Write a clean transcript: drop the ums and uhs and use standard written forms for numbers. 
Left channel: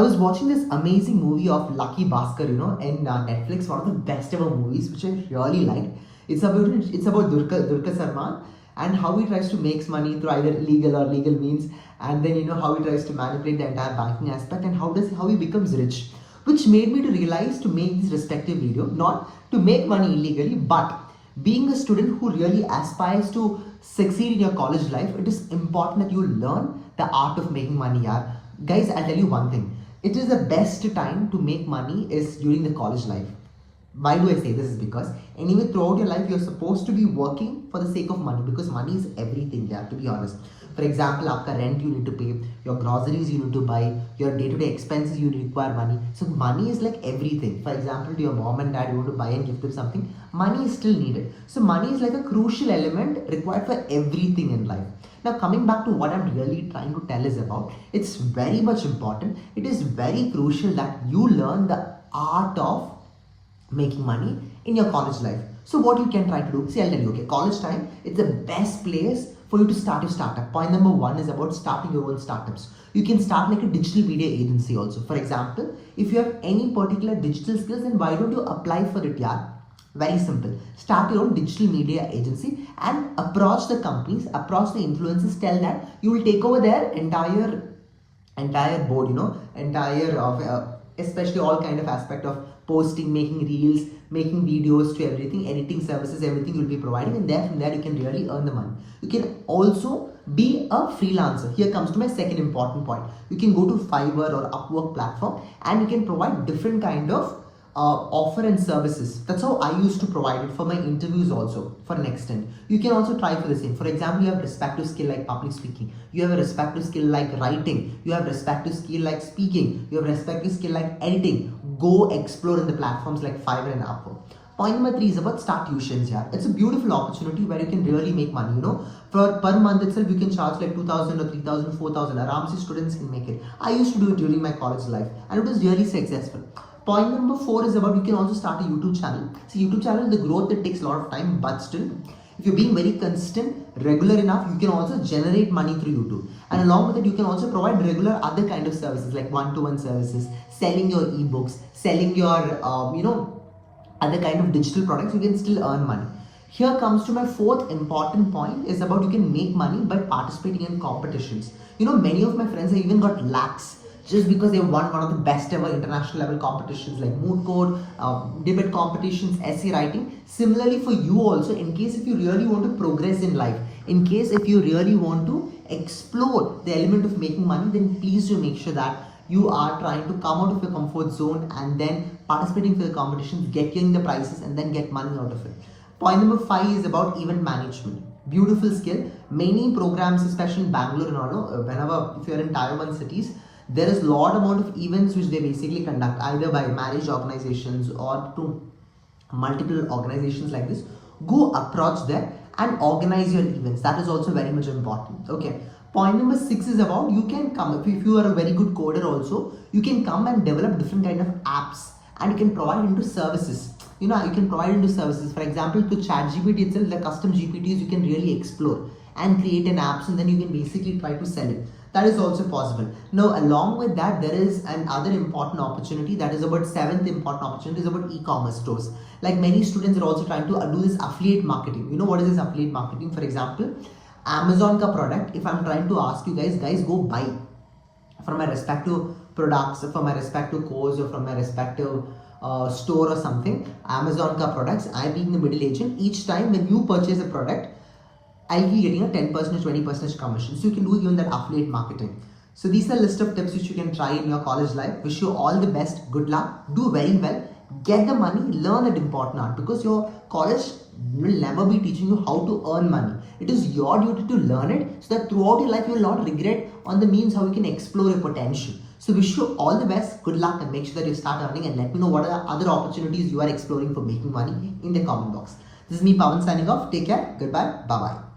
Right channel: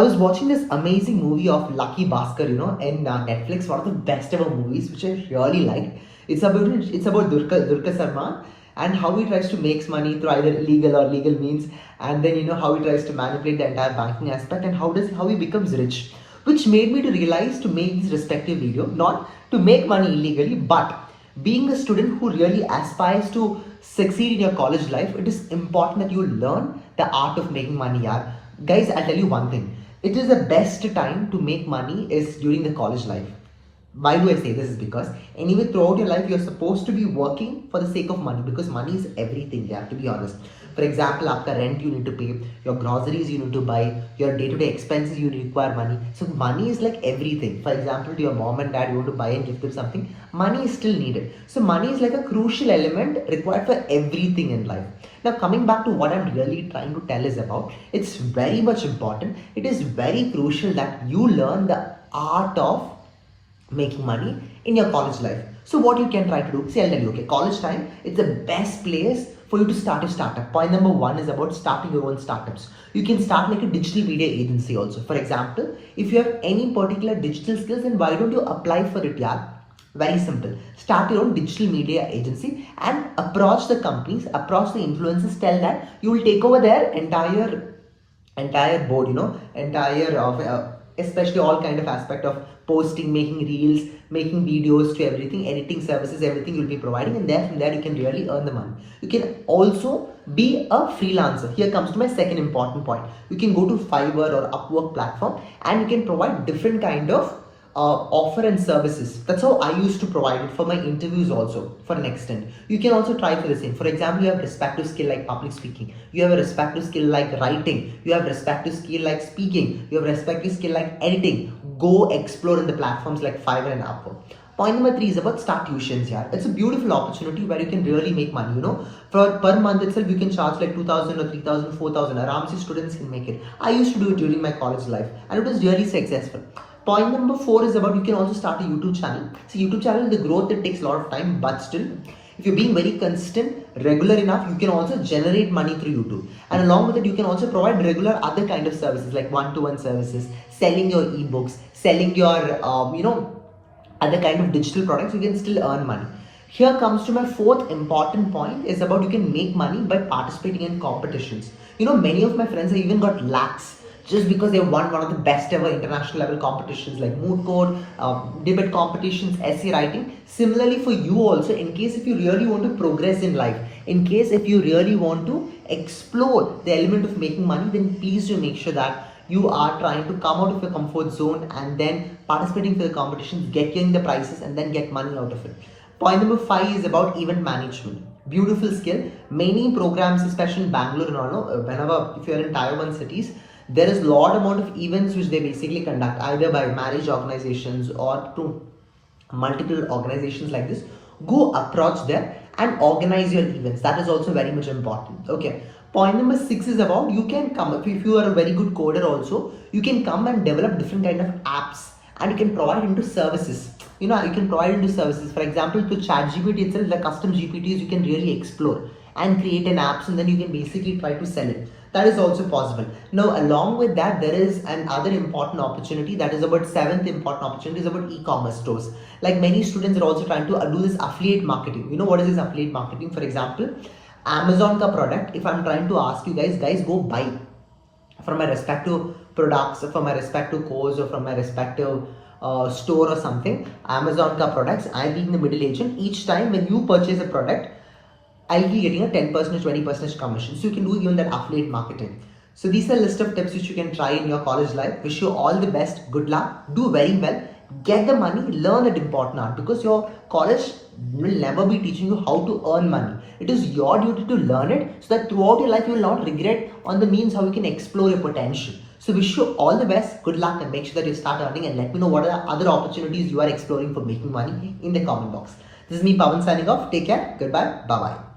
I was watching this amazing movie of Lucky Bhaskar, in Netflix, one of the best ever movies, which I really liked. It's about Durga Salman and how he tries to make money through either illegal or legal means, and then how he tries to manipulate the entire banking aspect, and how he becomes rich, which made me to realize to make this respective video, not to make money illegally, but being a student who really aspires to succeed in your college life, it is important that you learn the art of making money. Yeah. Guys, I'll tell you one thing. It is the best time to make money is during the college life. Why do I say this? Is because anyway throughout your life you're supposed to be working for the sake of money, because money is everything. You have to be honest. For example, आपका rent you need to pay, your groceries you need to buy, your day-to-day expenses you require money. So money is like everything. For example, to your mom and dad you want to buy and give them something, money is still needed. So money is like a crucial element required for everything in life. Now coming back to what I'm really trying to tell is about, it's very much important. It is very crucial that you learn the art of making money in your college life. So what you can try to do, see, I'll tell you, okay, college time, it's the best place for you to start a startup. Point number one is about starting your own startups. You can start like a digital media agency also. For example, if you have any particular digital skills, then why don't you apply for it, yeah? Very simple. Start your own digital media agency and approach the companies, approach the influencers, tell that you will take over their entire board, especially all kind of aspect of posting, making reels, making videos, to everything, editing services, everything you'll be providing, and then from there you can really earn the money. You can also be a freelancer. Here comes to my second important point. You can go to Fiverr or Upwork platform and you can provide different kind of offer and services. That's how I used to provide it for my interviews also for an extent. You can also try for the same. For example, you have respective skill like public speaking, you have a respective skill like writing, you have respective skill like speaking, you have respective skill like editing. Go explore in the platforms like Fiverr and Upwork. Point number three is about start tuitions. Yeah, it's a beautiful opportunity where you can really make money. For per month itself, you can charge like 2,000 or 3,000, 4,000. Around students can make it. I used to do it during my college life, and it was really successful. Point number four is about you can also start a YouTube channel. So YouTube channel, the growth, it takes a lot of time, but still, if you're being very consistent, regular enough, you can also generate money through YouTube. And along with it, you can also provide regular other kind of services like one-to-one services, selling your ebooks, selling your, other kind of digital products. You can still earn money. Here comes to my fourth important point is about you can make money by participating in competitions. Many of my friends have even got lakhs just because they won one of the best ever international level competitions like moot court, debate competitions, essay writing. Similarly for you also, in case if you really want to progress in life, in case if you really want to explore the element of making money, then please do make sure that you are trying to come out of your comfort zone and then participating for the competitions, getting the prizes, and then get money out of it. Point number five is about event management. Beautiful skill. Many programs, especially in Bangalore and all, whenever if you're in tier 1 cities, there is lot amount of events which they basically conduct either by marriage organizations or to multiple organizations like this. Go approach them and organize your events. That is also very much important. Okay. Point number six is about you can come up, if you are a very good coder also, you can come and develop different kind of apps and you can provide into services. You can provide into services. For example, to ChatGPT itself, the custom GPTs you can really explore and create an apps, and then you can basically try to sell it. That is also possible. Now, along with that, there is another important opportunity, that is about seventh important opportunity is about e-commerce stores. Like many students are also trying to do this affiliate marketing. What is this affiliate marketing? For example, Amazon ka product, if I'm trying to ask you guys go buy from my respective products, from my respective course, or from my respective store or something, Amazon ka products, I'm being the middle agent. Each time when you purchase a product, I'll be getting a 10%, 20% commission. So you can do even that affiliate marketing. So these are a list of tips which you can try in your college life. Wish you all the best. Good luck. Do very well. Get the money. Learn that important art, because your college will never be teaching you how to earn money. It is your duty to learn it so that throughout your life you will not regret on the means how you can explore your potential. So wish you all the best. Good luck, and make sure that you start earning, and let me know what are the other opportunities you are exploring for making money in the comment box. This is me, Pawan, signing off. Take care. Goodbye. Bye-bye.